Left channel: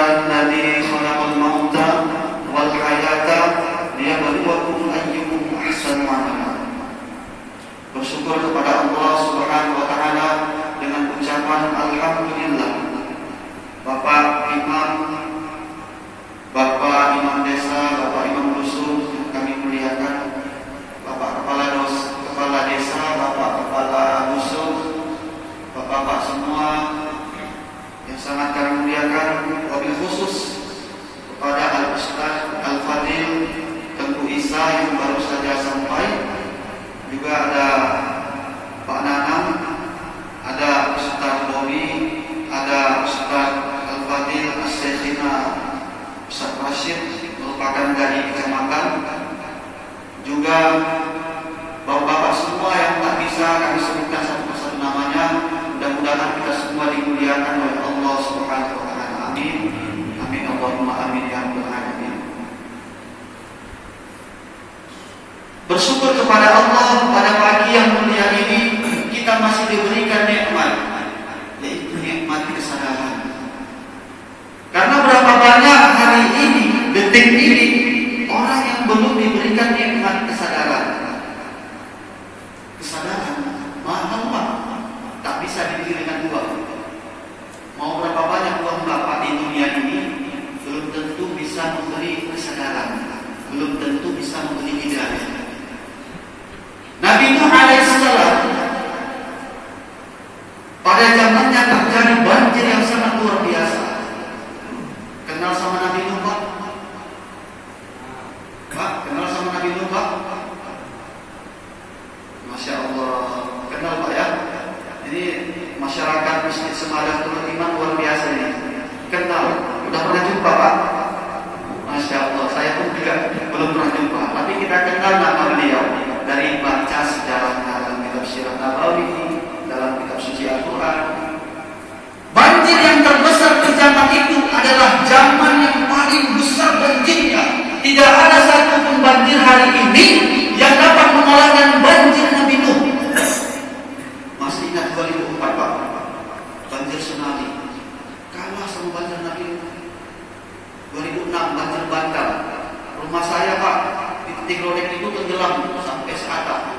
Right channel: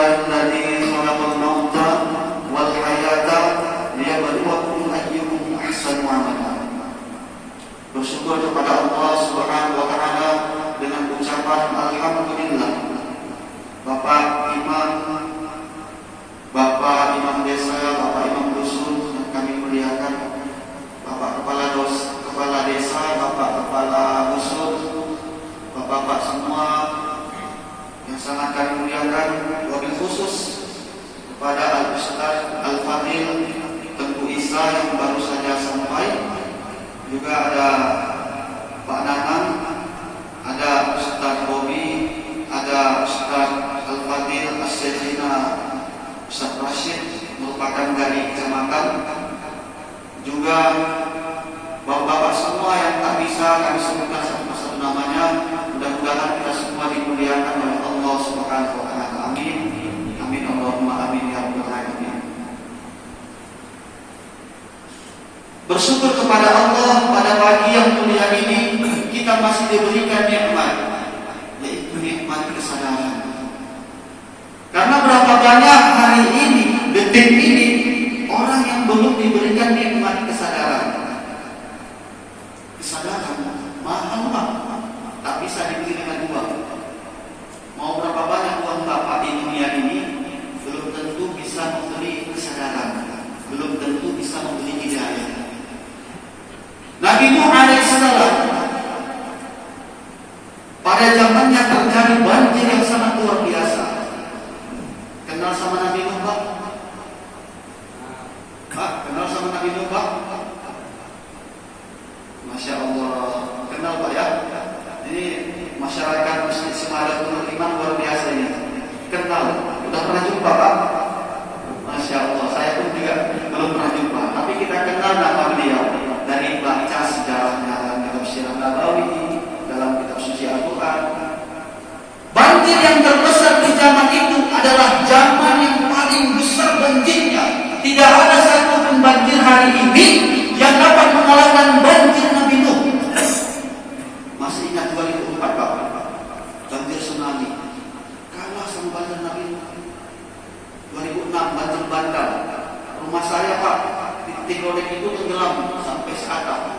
alladzi khalaqal mauta wal hayata liyabluwakum ayyukum ahsanu amala. Bersyukur kepada Allah Subhanahu wa taala dengan ucapan alhamdulillah. Bapak imam desa, Bapak imam dusun yang kami muliakan, Bapak kepala desa, Bapak kepala dusun, Bapak semua yang sangat kami muliakan, wabil khusus kepada Al-Ustaz Al-Fadil Tengku Isa yang baru saja sampai, juga ada Pak Nanang, ada Ustaz Boni, ada Ustaz Al-Fadil As-Syekhina Ustaz Rashid merupakan dari kecamatan, juga bapak-bapak semua yang tak bisa kami sebutkan satu-satu namanya. Mudah-mudahan kita semua dimuliakan oleh Allah Subhanahu wa taala. Amin. Amin Allahumma amin ya rabbal alamin. Bersyukur kepada Allah pada pagi yang mulia ini kita masih diberikan nikmat, yaitu nikmat kesadaran. Karena berapa banyak hari ini, detik ini, orang yang belum diberikan nikmat kesadaran. Kesadaran mahal Pak, tak bisa diberikan uang. Mau berapa banyak uang Bapak di dunia ini, belum tentu bisa memberi kesadaran, belum tentu bisa memberi hidayah. Nabi Nuh alaihissalam pada zamannya terjadi banjir yang sangat luar biasa. Kenal sama Nabi Nuh Pak? Pak, kenal sama Nabi Nuh Pak? Masya Allah, kenal Pak ya? Ini masyarakat Masjid Semalam Turun Imam luar biasa ini. Kenal, udah pernah jumpa Pak? Masya Allah, saya pun juga belum pernah jumpa. Tapi kita kenal nama beliau dari baca sejarah dalam kitab Sirah Nabawi, dalam kitab suci Al-Quran. Banjir yang terbesar di zaman itu adalah zaman yang paling besar banjirnya. Tidak ada satupun banjir hari ini yang dapat mengalahkan banjir Nabi Nuh. Masih ingat 2004 Pak? Banjir tsunami. Kalah sama banjir Nabi Nuh. 2006 banjir Bantal. Rumah saya Pak, di Tigrolek itu tenggelam sampai seatap,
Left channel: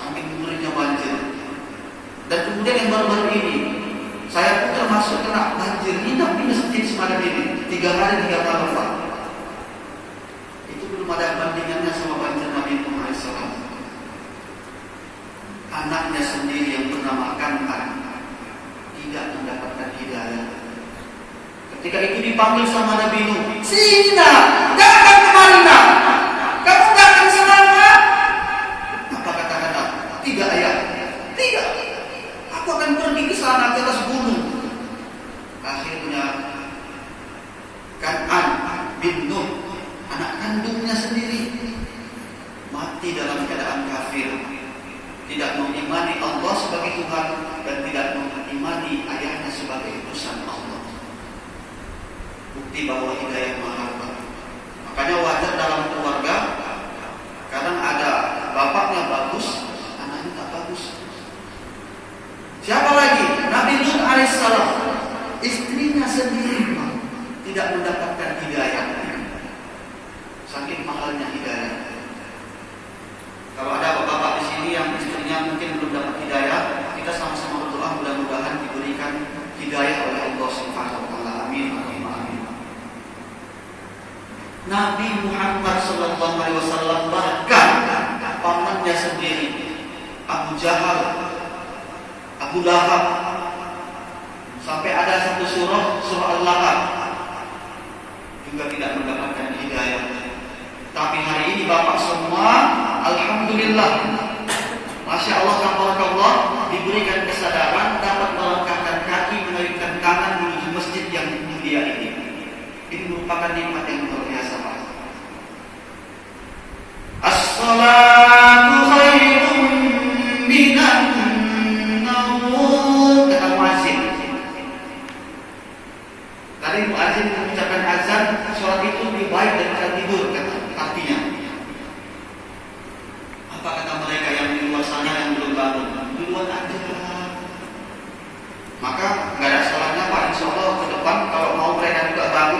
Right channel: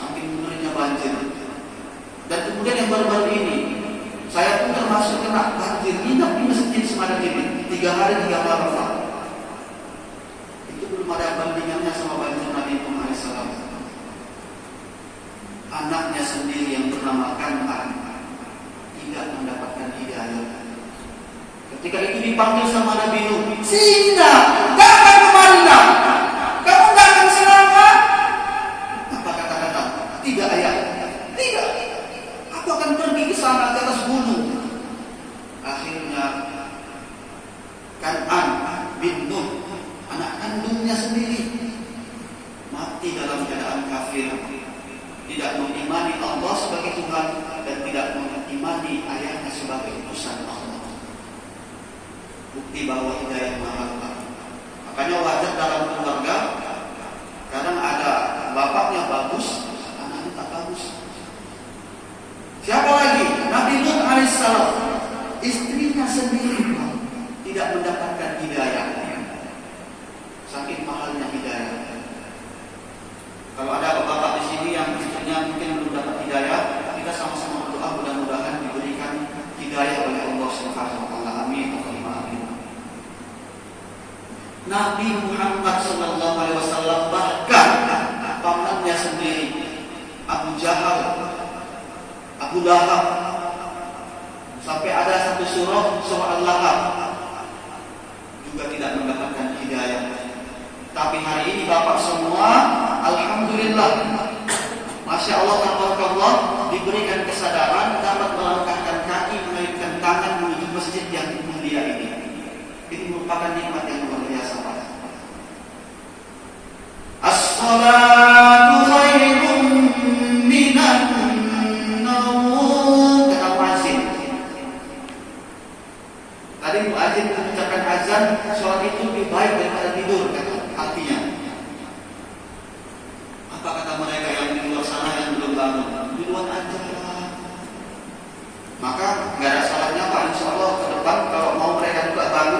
saking mengerinya banjir. Dan kemudian yang baru-baru ini, saya pun termasuk kena banjir, nginap di masjid Semalam ini 3 hari 3 malam Pak. Itu belum ada bandingannya sama banjir Nabi Nuh alaihissalam. Anaknya sendiri yang bernama Kan'an tidak mendapatkan hidayah. Ketika itu dipanggil sama Nabi Nuh, "Sina, datang kemari nak. Kamu tidak akan selamat." Apa kata-kata? Tidak ayah. Tidak. Aku akan pergi ke sana ke atas gunung. Akhirnya Kan'an bin Nuh, anak kandungnya sendiri, mati dalam keadaan kafir, tidak mengimani Allah sebagai Tuhan dan tidak mengimani ayahnya sebagai utusan Allah. Bukti bahwa hidayah mahal. Makanya wajar dalam keluarga kadang ada bapaknya bagus, anaknya tak bagus. Siapa lagi? Nabi Nuh alaihissalam, istrinya sendiri tidak mendapatkan hidayah. Saking mahalnya hidayah. Kalau ada bapak-bapak di sini yang istrinya mungkin belum dapat hidayah, kita sama-sama berdoa mudah-mudahan diberikan hidayah oleh Allah Subhanahu wa taala. Amin. Nabi Muhammad sallallahu alaihi wasallam bahkan pamannya sendiri Abu Jahal, Abu Lahab, sampai ada satu surah Al-Lahab juga tidak mendapatkan hidayah. Tapi hari ini bapak semua alhamdulillah, masya Allah, tabarakallah, diberikan kesadaran dapat melangkahkan kaki, menaikkan tangan menuju masjid yang mulia ini. Ini merupakan nikmat yang luar biasa Pak. As-salatu khairun minan naum. Kata muadzin. Tadi muadzin mengucapkan azan, sholat itu lebih baik daripada tidur, kata artinya. Apa kata mereka yang di luar sana yang belum bangun? Di luar aja. Maka nggak ada salahnya Pak, insya Allah ke depan kalau mau mereka juga bangun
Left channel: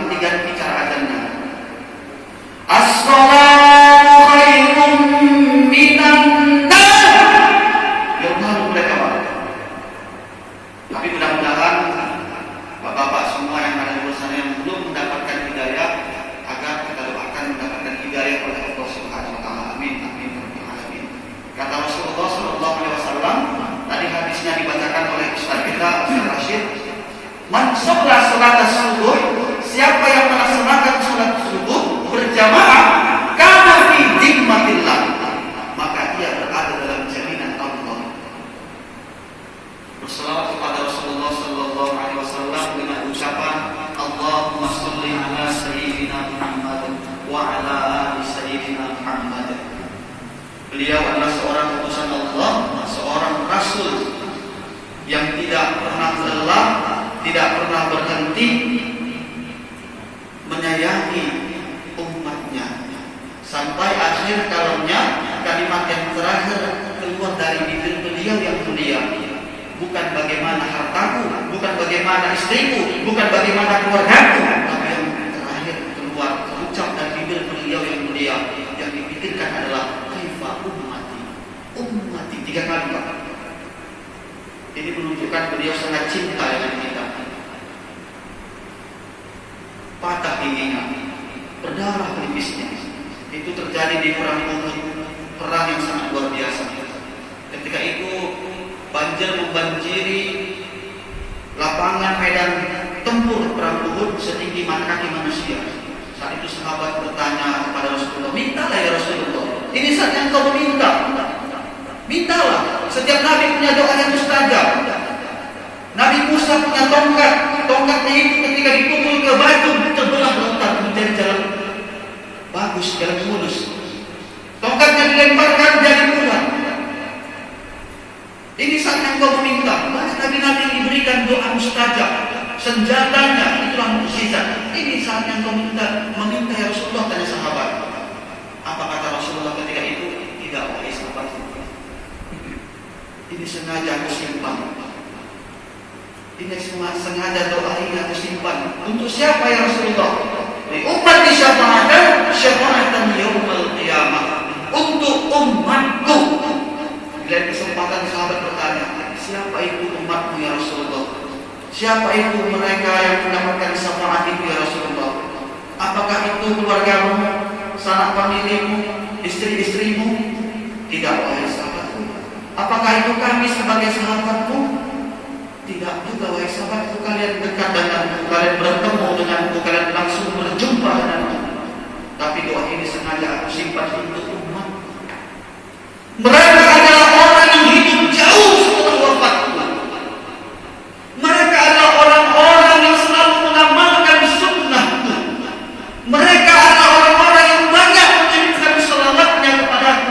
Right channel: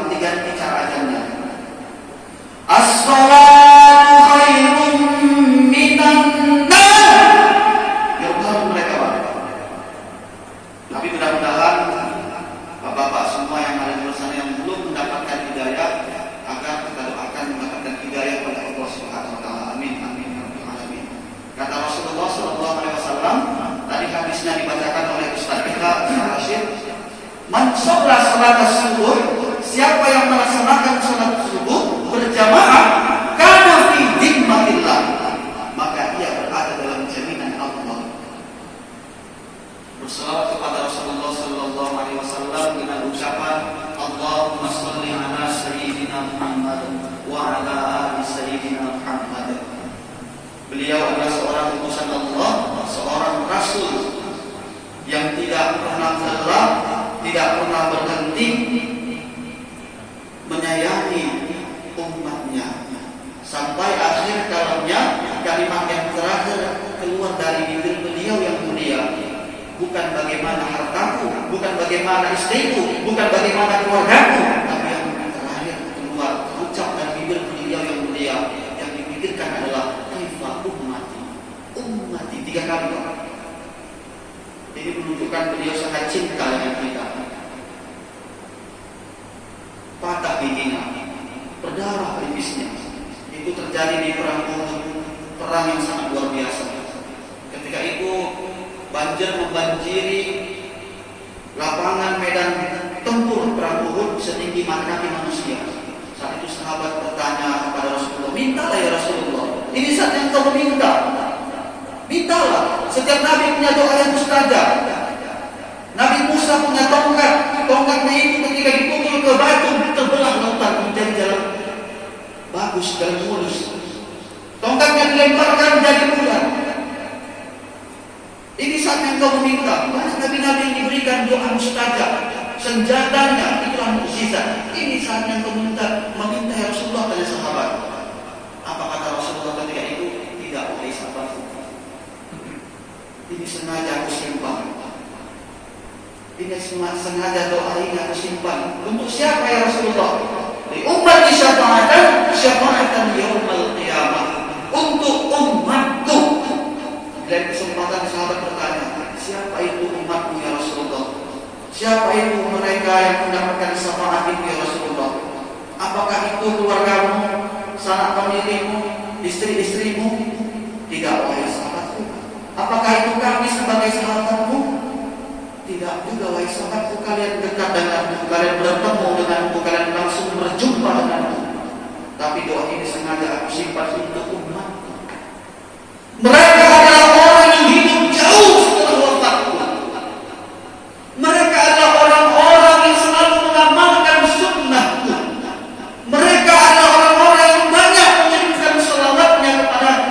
Man shalla salat subuh, siapa yang melaksanakan salat subuh berjamaah, kana fi dhimmatillah, maka ia berada dalam jaminan Allah. Berselawat kepada Rasulullah sallallahu alaihi wasallam dengan ucapan Allahumma shalli ala sayyidina Muhammad wa ala ali sayyidina Muhammad. Beliau adalah seorang utusan Allah, seorang rasul yang tidak pernah lelah, tidak pernah berhenti menyayangi umatnya sampai akhir kalamnya. Kalimat yang terakhir keluar dari bibir beliau yang mulia, bukan bagaimana hartaku, bukan bagaimana istriku, bukan bagaimana keluargaku, tapi yang terakhir keluar terucap dari bibir beliau yang mulia, yang dipikirkan adalah kaifa ummati, ummati, 3 kali Pak. Ini menunjukkan beliau sangat cinta dengan kita. Patah giginya, berdarah pelipisnya, itu terjadi di perang Uhud, perang yang sangat luar biasa. Ketika itu banjir membanjiri lapangan medan tempur perang Uhud setinggi mata kaki manusia. Saat itu sahabat bertanya kepada Rasulullah, mintalah ya Rasulullah, ini saat yang kau minta. Mintalah. Setiap Nabi punya doa yang mustajab. Nabi Musa punya tongkat. Tongkatnya itu ketika dipukul ke batu terbelah lautan menjadi jalan bagus, jalan mulus. Tongkatnya dilemparkan jadi ular. Ini saat yang kau meminta. Nabi-nabi diberikan doa mustajab. Senjatanya itulah mukjizat. Ini saat yang kau meminta ya Rasulullah, tanya sahabat. Apa kata Rasulullah ketika itu? Tidak, wahai sahabatku. Ini sengaja aku simpan. Ini sengaja doa ini aku simpan. Untuk siapa ya Rasulullah? Di umat syafa'atan yaumil qiyamah. Untuk umatku. Dan kesempatan sahabat bertanya, siapa itu umatmu ya Rasulullah? Siapa itu mereka yang mendapatkan syafaat itu ya Rasulullah? Apakah itu keluargamu, sanak familimu, istri-istrimu? Tidak, wahai sahabatku. Apakah itu kami sebagai sahabatmu? Tidak juga, wahai sahabatku. Kalian dekat denganku, kalian bertemu denganku, kalian langsung berjumpa denganku. Tapi doa ini sengaja aku simpan untuk umat. Mereka adalah orang yang hidup jauh setelah wafatku. Mereka adalah orang-orang yang selalu mengamalkan sunnahku. Mereka adalah orang-orang yang banyak mengirimkan selawatnya kepadaku.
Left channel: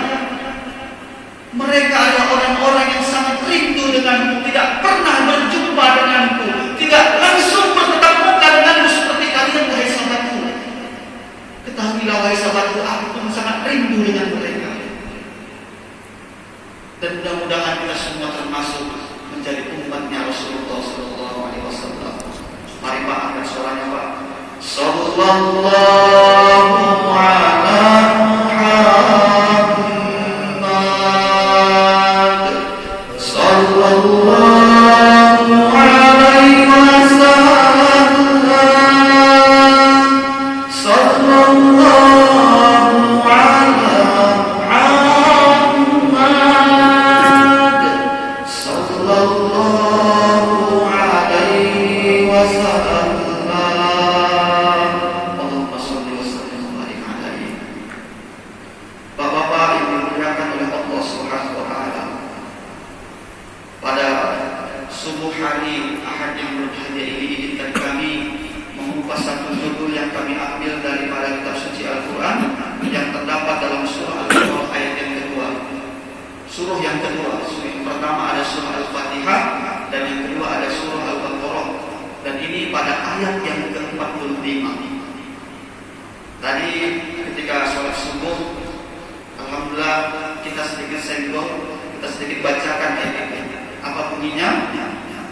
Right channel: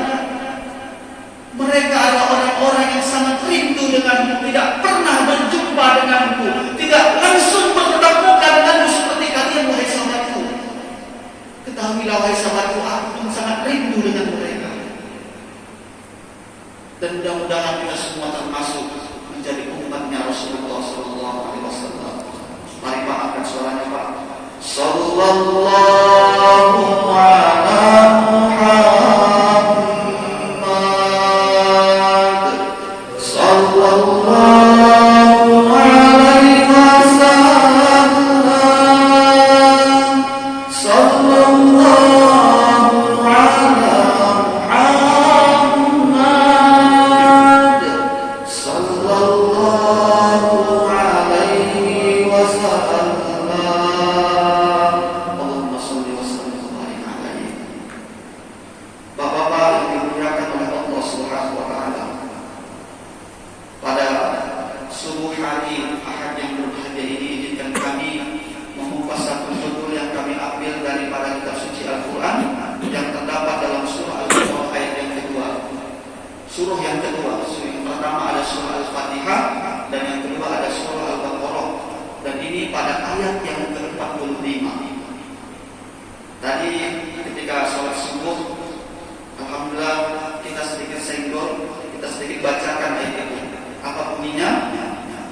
Mereka adalah orang-orang yang sangat rindu denganku, tidak pernah berjumpa denganku, tidak langsung bertatap muka denganku seperti kalian, wahai sahabatku. Ketahuilah, wahai sahabatku, aku pun sangat rindu dengan mereka. Dan mudah-mudahan kita semua termasuk menjadi umatnya Rasulullah sallallahu alaihi wasallam. Mari Pak, angkat suaranya Pak. Sallallahu ala Muhammad. Sallallahu alaihi wasallam. Sallallahu surah yang kedua. Surah yang pertama ada surah Al-Fatihah dan yang kedua ada surah Al-Baqarah. Dan ini pada ayat yang ke-45. Tadi ketika sholat subuh, alhamdulillah kita sedikit senggol, kita sedikit bacakan ayat itu. Apa bunyinya?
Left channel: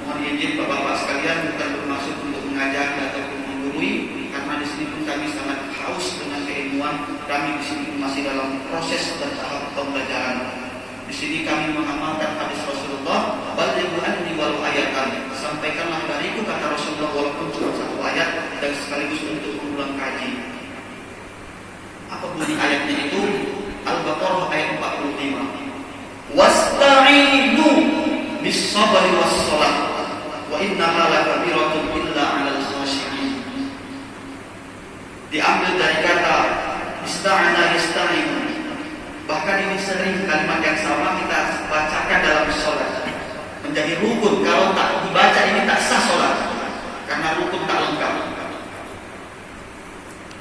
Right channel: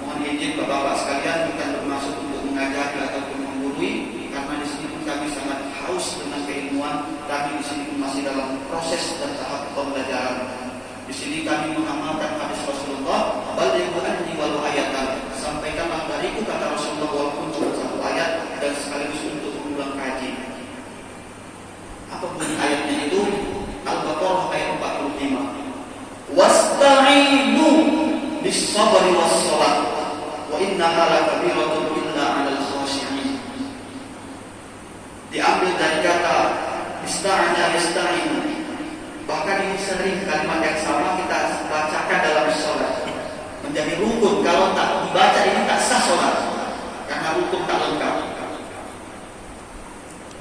Mohon izin Bapak-bapak sekalian, bukan bermaksud untuk mengajari ataupun menggurui, karena di sini pun kami sangat haus dengan keilmuan. Kami di sini masih dalam proses dan tahap pembelajaran. Di sini kami mengamalkan hadis Rasulullah, balighu anni walau ayatan. Sampaikanlah dariku, kata Rasulullah, walaupun cuma 1 ayat, dan sekaligus untuk mengulang kaji. Apa bunyi ayatnya itu? Al-Baqarah ayat 45. Wasta'inu bis-sabri was-shalah wa innaha lakabiratun illa tutup tak lengkap.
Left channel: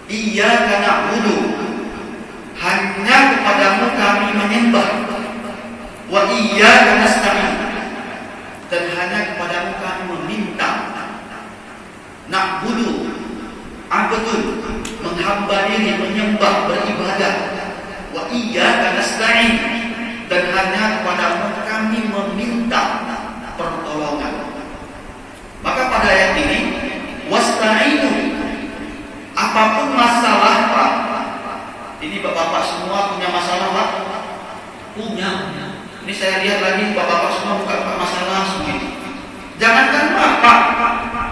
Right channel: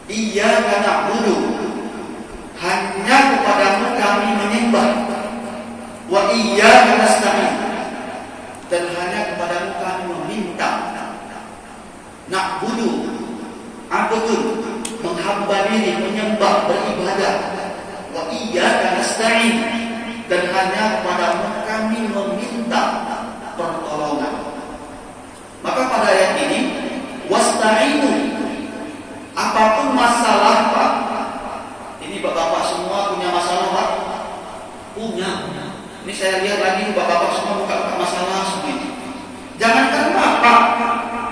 Iyyaka na'budu, hanya kepadamu kami menyembah. Wa iyyaka nasta'in, dan hanya kepadamu kami meminta. Na'budu, abdun, menghamba diri, menyembah, beribadah. Wa iyyaka nasta'in, dan hanya kepadamu kami meminta pertolongan. Maka pada ayat ini, wasta'inu, apapun masalah Pak, ini bapak-bapak semua punya masalah Pak? Punya. Ini saya lihat lagi bapak-bapak semua buka masalah segitu. Jangankan bapak,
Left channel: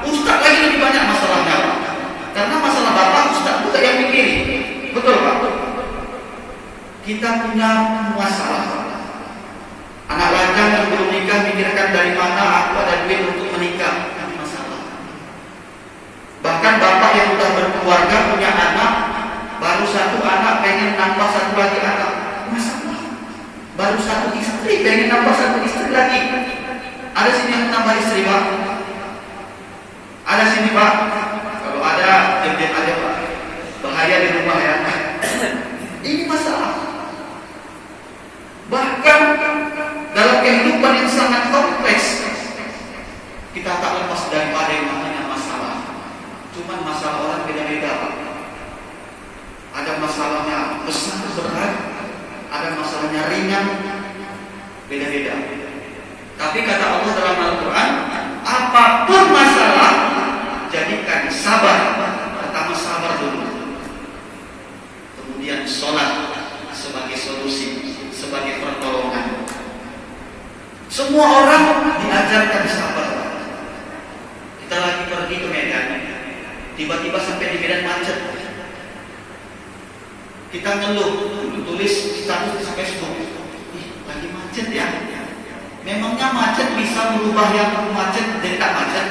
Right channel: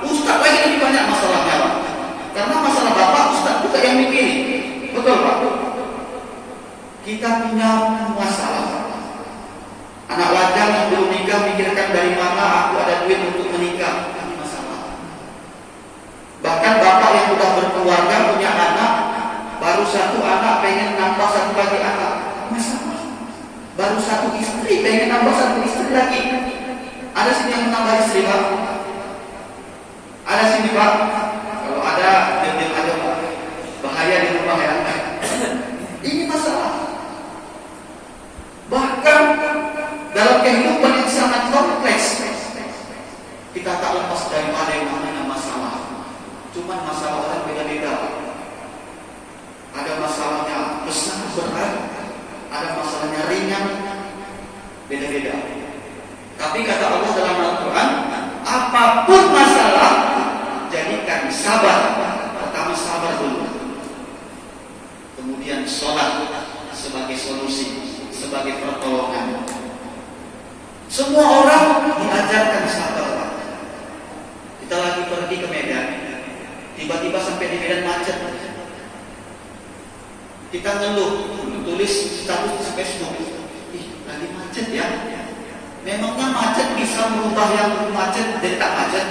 ustaz lagi lebih banyak masalahnya Pak. Karena masalah bapak, ustaz juga yang mikirin. Betul Pak? Kita punya masalah Pak. Anak lajang yang belum nikah mikirkan dari mana aku ada duit untuk menikah. Ini masalah. Bahkan bapak yang sudah berkeluarga punya anak, baru satu anak pengen nambah satu lagi anak. Masalah. Baru satu istri pengen nambah satu istri lagi. Ada sini yang menambah istri Pak? Ada sini Pak? Kalau ada, diam-diam aja Pak. Bahaya di rumah ya. Ini masalah. Bahkan dalam kehidupan yang sangat kompleks, kita tak lepas daripada yang namanya masalah. Cuman masalah orang beda-beda Pak. Ada masalahnya besar berat, ada masalahnya ringan, beda-beda. Tapi kata Allah dalam Al-Quran, apapun masalah, jadikan sabar. Pertama sabar dulu, kemudian sholat sebagai solusi, sebagai pertolongan. Semua orang diajarkan sabar. Kita lagi pergi ke Medan, tiba-tiba sampai di Medan macet. Kita ngeluh, tulis status di Facebook, lagi macet ya. Memangnya macet bisa merubah yang macet jadi tak macet?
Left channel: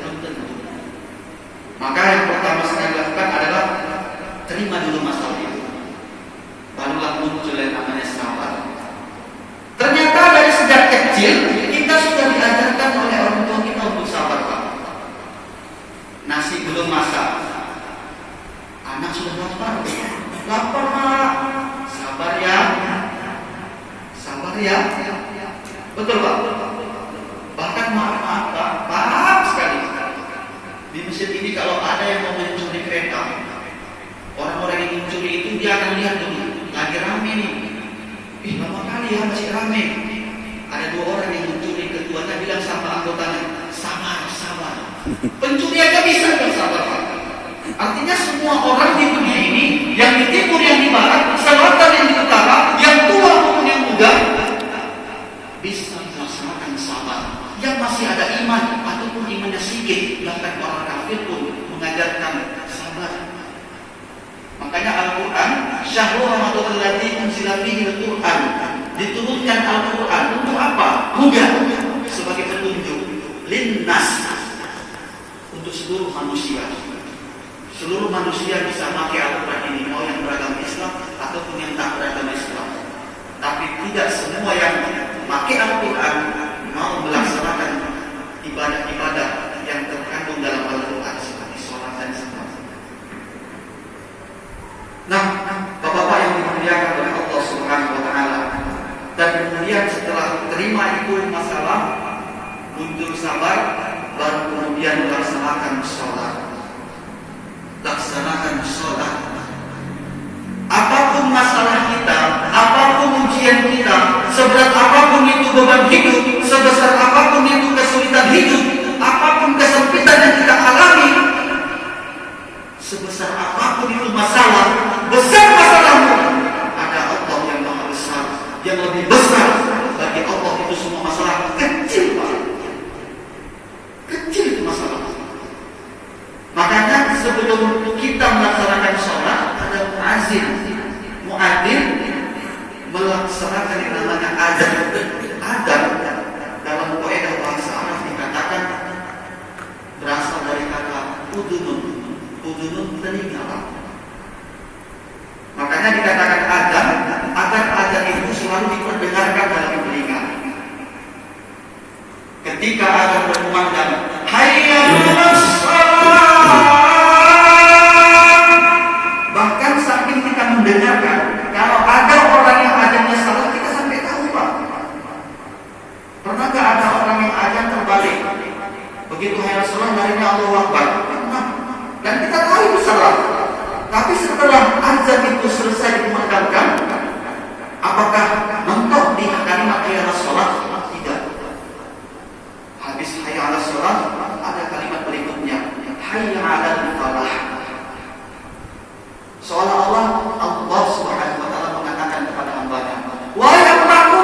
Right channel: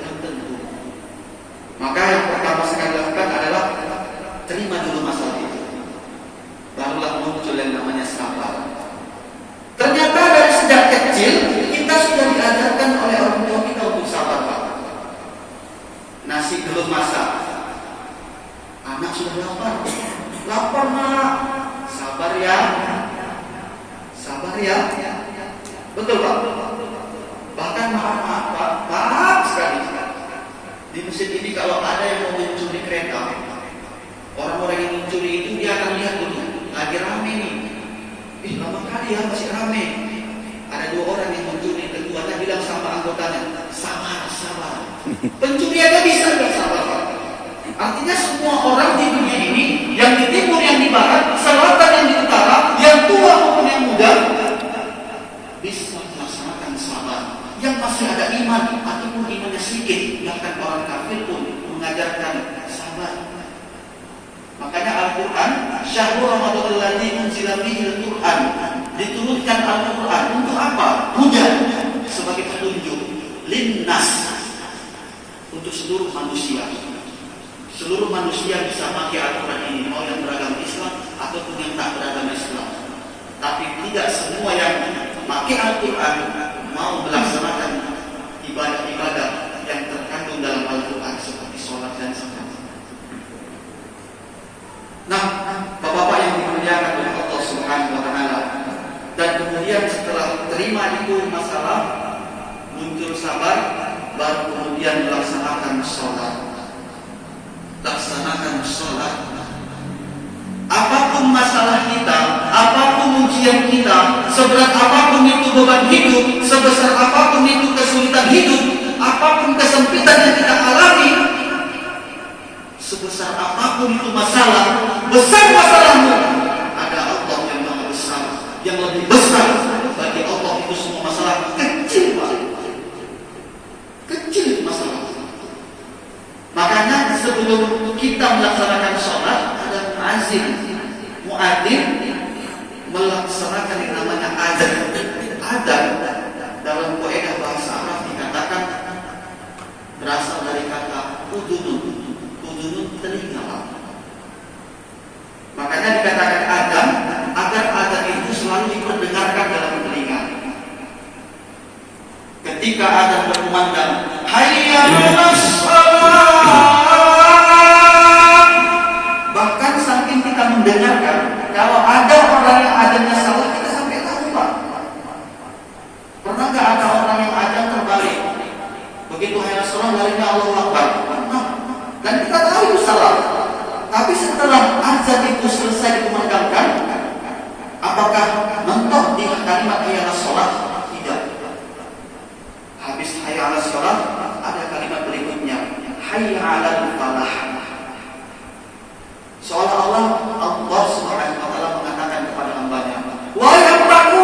Belum tentu. Maka yang pertama sekali lakukan adalah terima dulu masalah itu, barulah muncul yang namanya sabar. Ternyata dari sejak kecil kita sudah diajarkan oleh orang tua kita untuk sabar Pak. Nasi belum masak, anak sudah lapar. Lapar Mak, sabar ya, sabar ya. Betul Pak. Bahkan maaf Pak, maaf sekali. Di masjid ini kalau ada yang mau mencuri kereta, orang-orang yang mencuri itu dia akan lihat dulu, lagi rame nih. Lama kali ya masih rame. Ada dua orang yang mencuri, keduanya bilang sama anggotanya, sabar, sabar. Pencuri aja bisa bilang sabar Pak. Artinya semua orang di dunia ini, yang di timur, yang di barat, selatan, yang di utara, yang tua maupun yang muda, bisa melaksanakan sabar. Yang masih ada iman ataupun imannya sedikit, bahkan orang kafir pun mengajarkan sabar. Makanya Al-Quran, Syahrul Ramadan alladzii unzila fiihi al-Quran, diturunkan Al-Quran untuk apa? Hudan, sebagai petunjuk, linnas, untuk seluruh manusia. Seluruh manusia bisa pakai Al-Quran ini, mau yang beragama Islam ataupun yang tak beragama Islam. Tapi tidak semua yang pakai Al-Quran mau melaksanakan ibadah-ibadah yang terkandung dalam Al-Quran seperti sholat dan semacamnya. Nah, bapak-bapak yang dimuliakan oleh Allah Subhanahu wa Ta'ala, dan kemudian setelah terima itu masalah, muncul sabar, baru kemudian melaksanakan sholat. Laksanakan sholat. Apapun masalah kita, apapun ujian kita, seberat apapun itu beban hidup, sebesar apapun itu kesulitan hidup, apapun kesempitan yang kita alami, sebesar apapun itu masalah, besar masalahmu, ada Allah yang maha besar, yang lebih besar. Bagi Allah itu semua masalah kecil Pak. Kecil itu masalah. Makanya sebelum kita melaksanakan sholat, ada muadzin. Muadzin melaksanakan yang namanya adzan. Adzan dalam kaidah bahasa Arab dikatakan berasal dari kata udunun. Udunun telinga. Makanya dikatakan adzan agar adzan itu selalu diperdengarkan dalam telinga. Ketika adzan berkumandang, hayya 'alas shalah, akhirnya Allahu Akbar. Nah, dan kita tahu itu salah. Tapi setelah azan itu selesai dikumandangkan, apakah mentok di kalimat hayya 'alas shalah? Tidak. Habis hayya 'alas shalah ada kalimat berikutnya, hayya 'alal falah. Seolah-olah Allah Subhanahu wa taala mengatakan kepada hamba-Nya, wahai hambaku,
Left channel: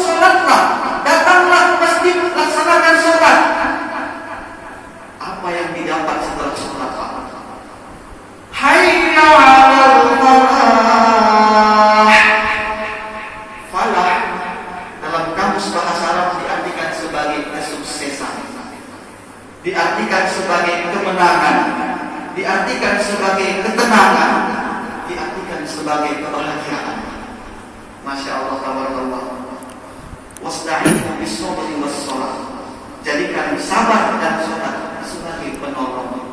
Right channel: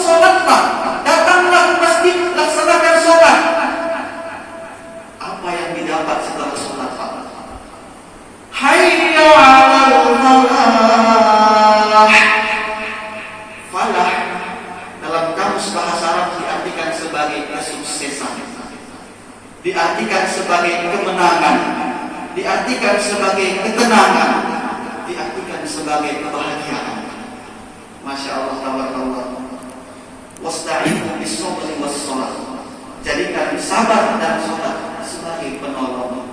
salatlah, datanglah ke masjid, laksanakan salat. Apa yang didapat setelah salat? Hayya 'alal falah. Falah dalam kamus bahasa Arab diartikan sebagai kesuksesan, diartikan sebagai kemenangan, diartikan sebagai ketenangan, diartikan sebagai kebahagiaan. Masya Allah, tabarakallah. Wasta'inu bis-sabri was-shalah. Jadikan sabar dan salat sebagai penolong.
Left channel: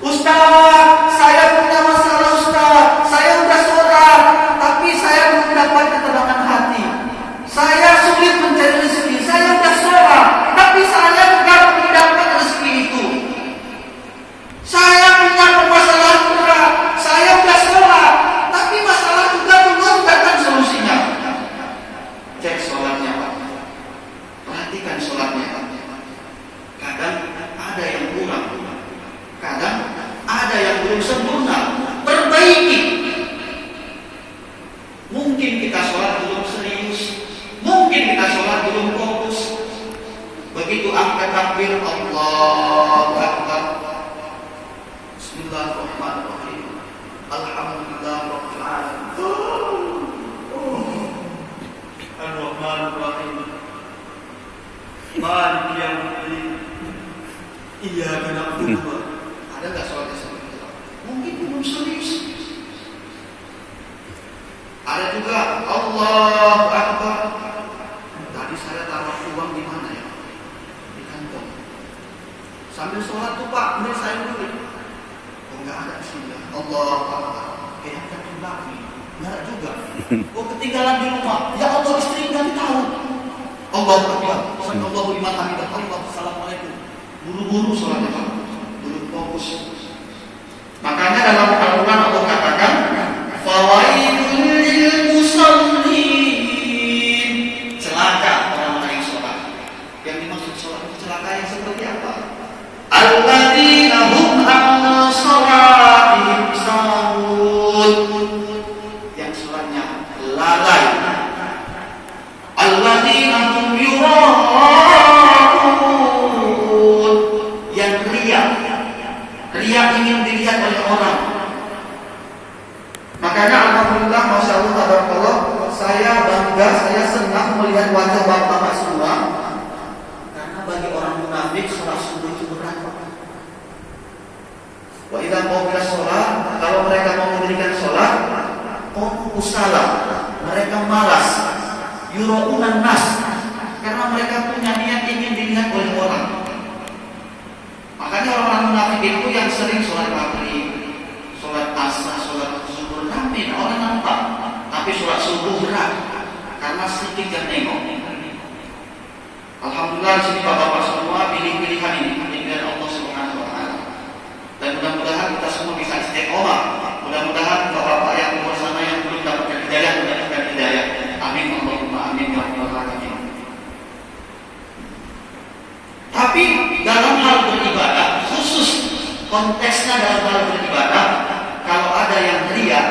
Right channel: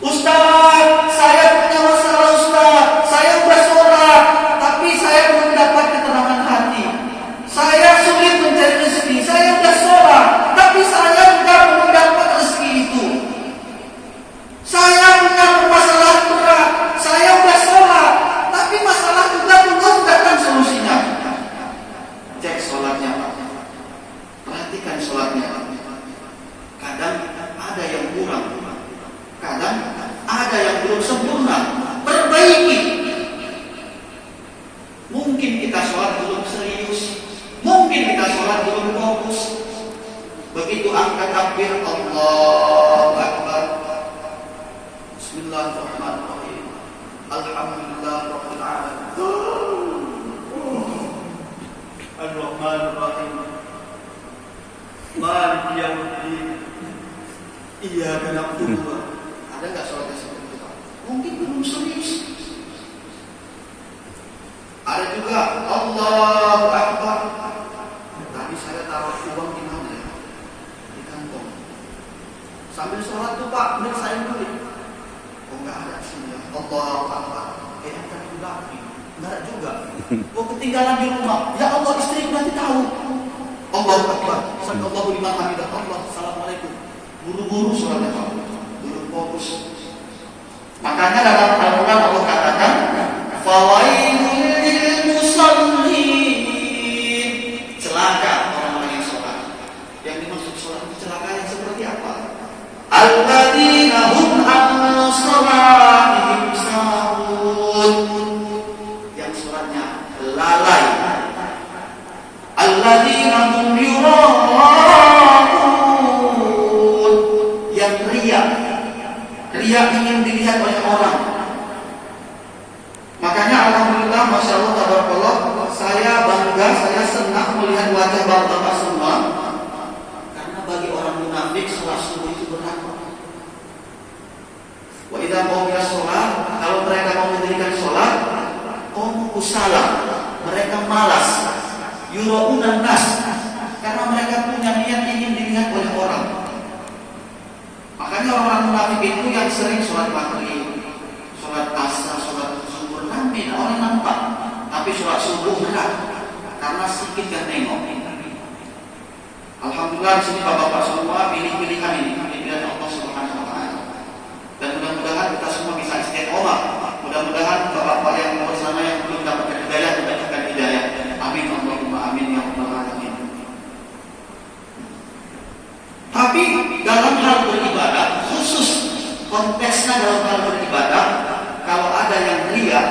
Ustaz, saya punya masalah Ustaz. Saya sudah sholat, tapi saya belum dapat ketenangan hati. Saya sulit mencari rezeki. Saya sudah sholat, tapi saya juga belum dapat rezeki itu. Saya punya permasalahan berat. Saya sudah sholat, tapi masalah juga belum datang solusinya. Cek sholatnya, Pak. Perhatikan sholatnya, Pak. Kadang ada yang kurang, kadang ada yang belum sempurna. Perbaiki. Mungkin kita sholat belum serius, mungkin kita sholat belum fokus. Begitu angkat takbir, Allahu Akbar, Bismillahirrahmanirrahim, Alhamdulillahirabbil alamin, Ar-Rahmanir-Rahim, Maliki yaumiddin, Iyyaka na'budu. Ada nggak sholatnya seperti itu? Mungkin belum serius. Ada juga Allahu Akbar. Tadi saya taruh uang di mana ya? Di kantong. Sambil sholat tuh Pak, ini saya beli. Oh nggak ada sih ya. Allahu Akbar. Ada juga. Nggak juga. Oh ketinggalan di rumah. Ya Allah, istri nggak tahu. Allahu Akbar. Allahu liman hamidah. Allah. Assalamualaikum. Buru-buru sholatnya Pak. Fokus. Makanya dalam Al-Quran Allah katakan, fawailul lil musallin. Celaka orang-orang yang sholat. Yang dimaksud sholat celaka yang seperti apa? Alladzina hum an sholatihim sahun. Yang sholatnya lalai. Alladzina hum yura'un. Yang riya. Riya ingin dilihat oleh orang. Makanya alhamdulillah, masya Allah, tabarakallah, saya bangga, saya senang melihat wajah bapak-bapak semua. Karena bagi orang munafik sholat subuh itu berat. Wa idza qawla sholat, kalau mereka mau mendirikan sholat, kusala, mereka malas. Yura'unan nas, karena mereka punya niat ingin dilihat oleh orang. Makanya orang munafik itu yang sering sholat maghrib, sholat asar, sholat zuhur rame, orang nampak. Tapi sholat subuh berat, karena sedikit yang nengok. Alhamdulillah di sini bapak-bapak semua pilih-pilihan ini pilihan Allah Subhanahu wa taala. Dan mudah-mudahan kita semua bisa istiqomah. Mudah-mudahan bapak-bapak yang bersama yang belum dapatkan hidayah mendapatkan hidayah. Amin Allahumma amin ya rabbal alamin. Tapi dalam hal beribadah, khusus konteksnya dalam hal beribadah, kalau ada yang riya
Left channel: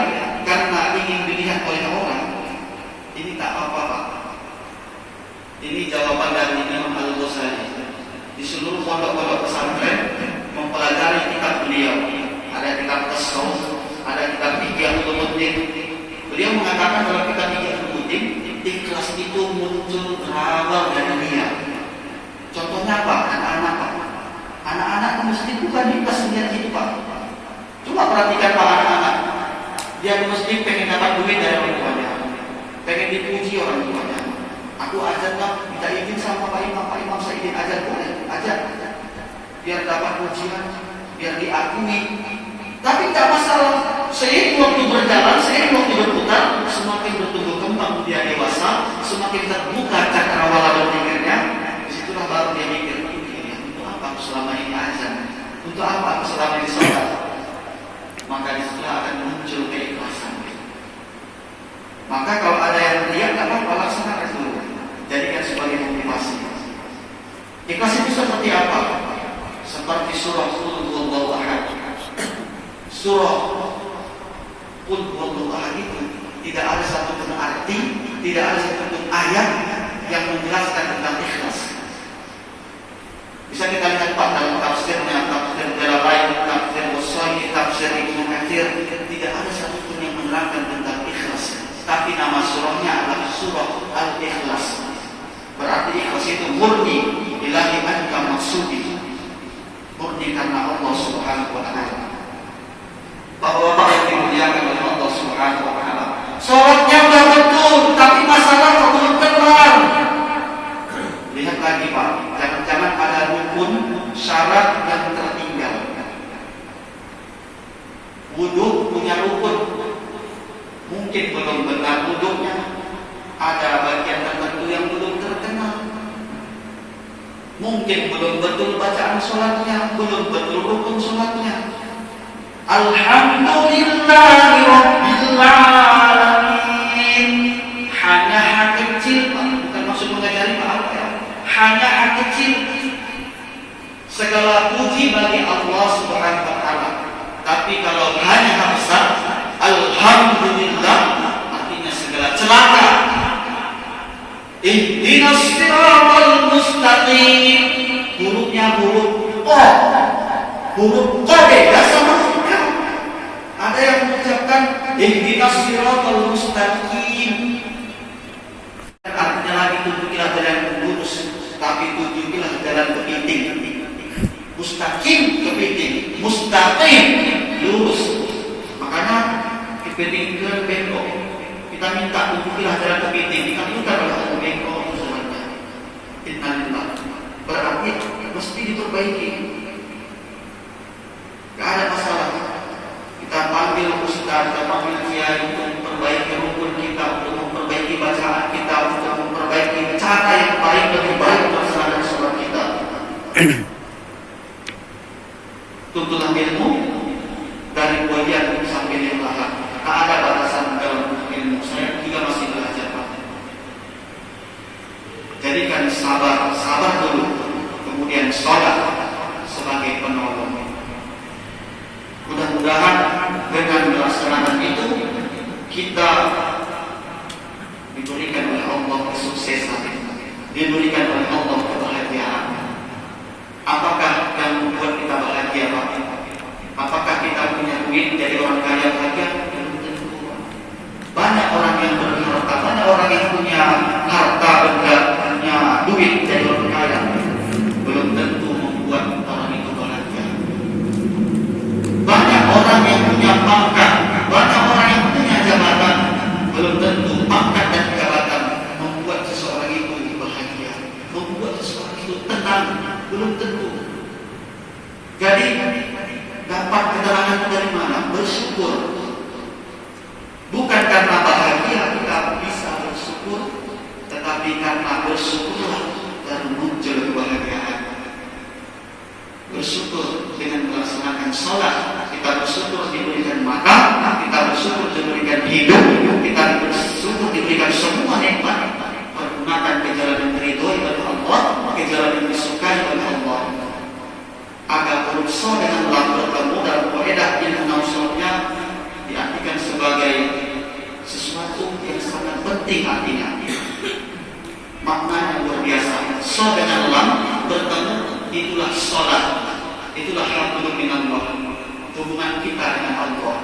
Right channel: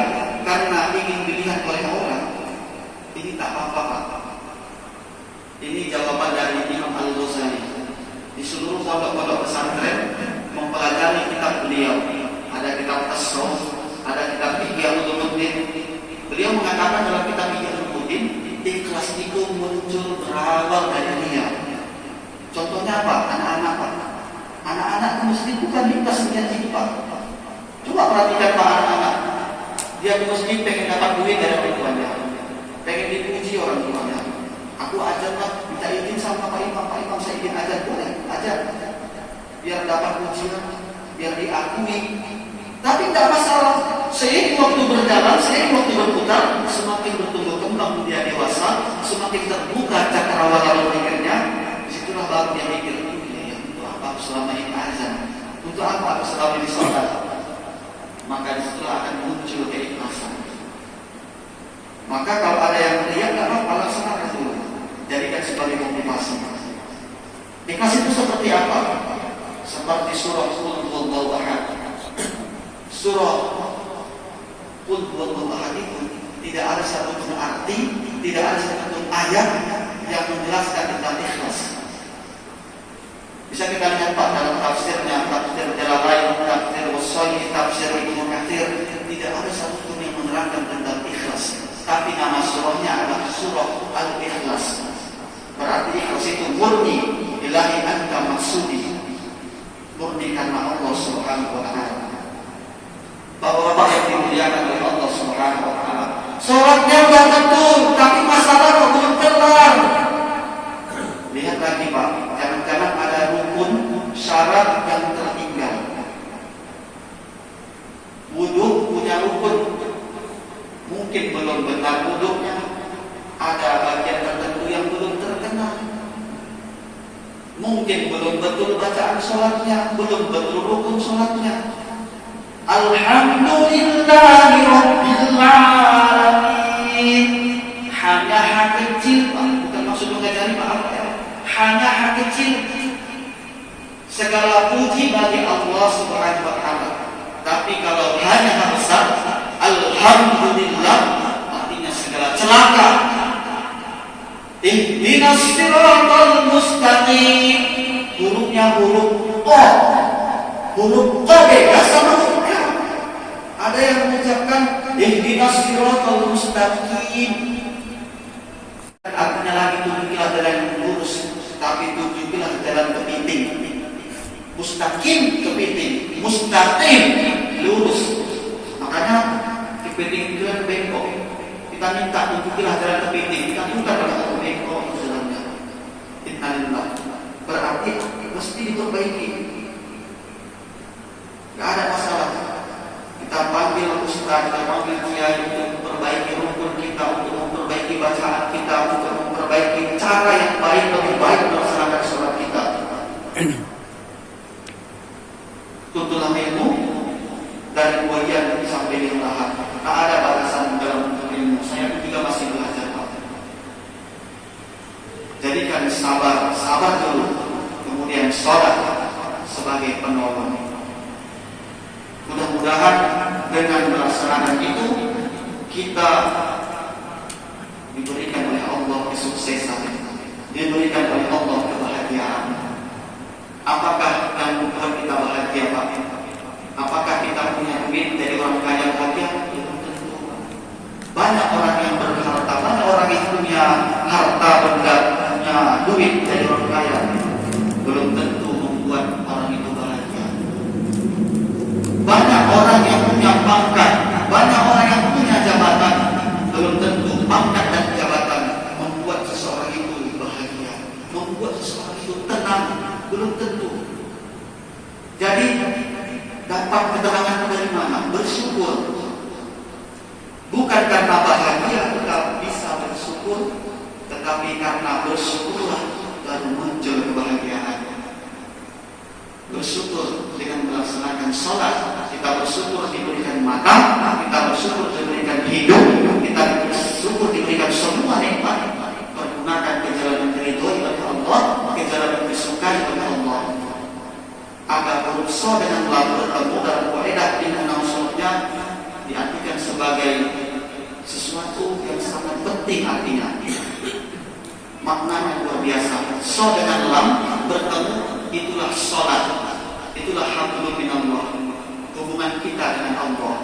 karena ingin dilihat oleh orang, ini tak apa-apa Pak. Ini jawaban dari Imam Al-Ghazali. Di seluruh pondok-pondok pesantren mempelajari kitab beliau. Ada kitab Tasawuf, ada kitab Ihya Ulumuddin. Beliau mengatakan dalam kitab Ihya Ulumuddin, ikhlas itu muncul berawal dari niat. Contohnya apa? Anak-anak Pak. Anak-anak di masjid bukan ikhlas menjadi hidup Pak. Coba perhatikan Pak anak-anak. Dia di masjid pengen dapat duit dari orang tuanya, pengen dipuji orang tuanya. Aku ajar Pak, minta izin sama Pak Imam saya izin ajar, boleh ajar. Biar dapat pujian, biar diakui. Tapi tidak masalah. Seiring waktu berjalan, seiring waktu berputar, semakin bertumbuh kembang dia dewasa, semakin terbuka cakrawala berpikirnya. Disitulah baru dia mikir, itu apa aku selama ini azan, untuk apa aku selama ini sholat? Maka disitulah akan muncul keikhlasan. Maka kalau ada yang lihat, gak apa-apa, laksanakan dulu, jadikan sebagai motivasi. Ikhlas itu seperti apa? Seperti surah Qul Huwallahu Ahad. Surah Qul Huwallahu Ahad itu tidak ada satupun arti, tidak ada satupun ayat yang menjelaskan tentang ikhlas. Bisa kita lihat Pak dalam tafsirnya, tafsir Jalalain, tafsir Wassaili, tafsir Ibnu Katsir, tidak ada satupun yang menerangkan tentang ikhlas. Tapi nama surahnya adalah surah Al-Ikhlas. Berarti ikhlas itu murni, ilahi anta maksudi, murni karena Allah Subhanahu wa Ta'ala. Bahwa yang dimuliakan oleh Allah Subhanahu wa Ta'ala, sholatnya udah betul, tapi masalah kok belum keluar. Lihat lagi Pak, jangan-jangan ada rukun syarat yang tertinggal. Wudhu punya rukun, mungkin belum benar wudhunya, ada bagian tertentu yang belum terkenal. Mungkin belum betul bacaan sholatnya, belum betul rukun sholatnya. Alhamdulillahi Rabbil Alamin. Hanya hak kecil, bukan maksud mengajari maaf ya. Hanya hak kecil. Segala puji bagi Allah Subhanahu wa Ta'ala. Tapi kalau hanya hak besar, Alhamdulillah, artinya segala celaka. Ihdinas siratal mustaqim. Hurufnya huruf O, huruf O beda sama huruf. Ada yang mengucapkan ihdinas siratal mustaqim, artinya lagi tunjukilah jalan yang lurus, tapi tunjukilah jalan kepiting. Mustaqim kepiting, mustaqim lurus. Makanya kepiting itu yang bengkok. Kita minta tunjukilah jalan kepiting, kita minta pada bengkok sebenarnya. Innalillah. Berarti mesti diperbaiki. Gak ada masalah. Kita panggil ustaz, kita panggil kiai untuk memperbaiki rukun kita, untuk memperbaiki bacaan kita, untuk memperbaiki cara yang baik, lebih baik melaksanakan sholat kita. Tuntutan ilmu dari bagian sampai yang lahat. Tak ada batasan dalam ilmu. Saya juga masih belajar Pak. Jadikan sabar, sabar dulu, kemudian sholat sebagai penolong. Mudah-mudahan dengan melaksanakan itu kita diberikan oleh Allah kesuksesan, diberikan oleh Allah kebahagiaan. Apakah yang membuat kita bahagia Pak? Apakah kita punya duit dari orang kaya bahagia? Belum tentu. Banyak orang yang berharta, banyak orang yang punya harta benda, punya duit dari orang kaya, belum tentu membuat orang itu bahagia. Banyak orang yang punya pangkat, banyak orang yang punya jabatan, belum tentu pangkat dan jabatan membuat seseorang itu bahagia, membuat seseorang itu tenang, belum tentu. Jadi dapat keterangan dari mana? Bersyukur. Bukan karena bahagia kita bisa bersyukur, tetapi karena bersyukurlah baru muncul kebahagiaan. Bersyukur dengan melaksanakan sholat, kita bersyukur diberikan makan, kita bersyukur diberikan hidup, kita bersyukur diberikan semua nikmat. Pergunakan ke jalan yang diridhoi oleh Allah, ke jalan yang disukai oleh Allah. Agar berusaha dengan lam bertemu dalam kaidah ilmu nausulnya diartikan sebagai sesuatu yang sangat penting artinya. Maknanya luar biasa. So dengan lam bertemu, itulah sholat, itulah hablum minallah, hubungan kita dengan Allah.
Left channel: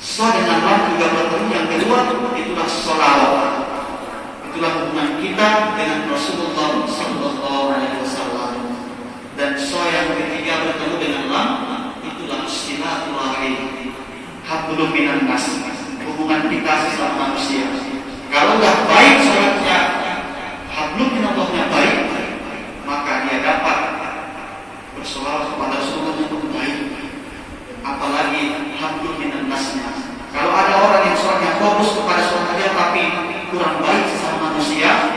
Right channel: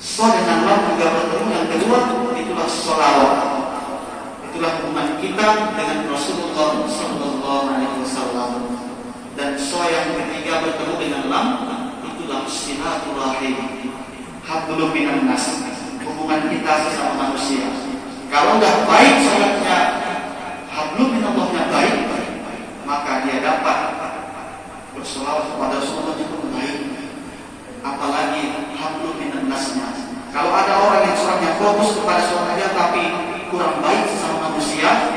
So dengan lam juga bertemu, yang kedua itulah sholawat, itulah hubungan kita dengan Rasulullah Sallallahu Alaihi Wasallam. Dan so yang ketiga bertemu dengan lam, itulah silaturahim, hablum minan nas, hubungan kita sesama manusia. Kalau dah baik sholatnya, hablum minallahnya baik, maka dia dapat bersolawat kepada Rasulullah yang baik. Apalagi hablum minan nasnya. Kalau ada orang yang sholatnya fokus kepada sholatnya tapi kurang baik sesama manusia,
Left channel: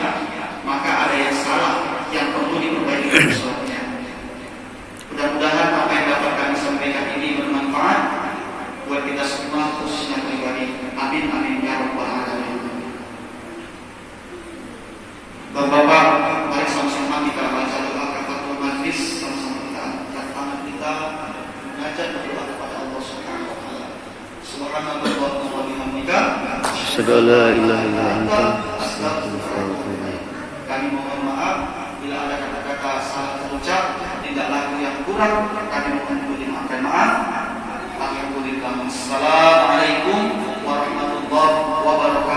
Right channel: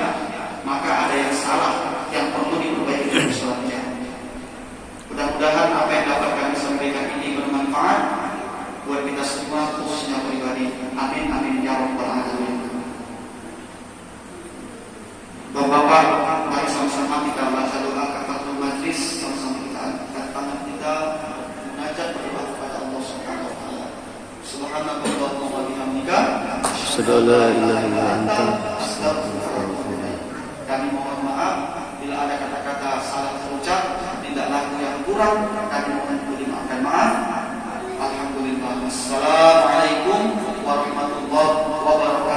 maka ada yang salah yang perlu diperbaiki dari sholatnya. asyhadu an la ilaha illa anta Kami mohon maaf bila ada kata-kata salah terucap, tidak laku yang kurang, kami mohon dimaafkan maaf. Alhamdulillah. Assalamualaikum warahmatullahi wabarakatuh.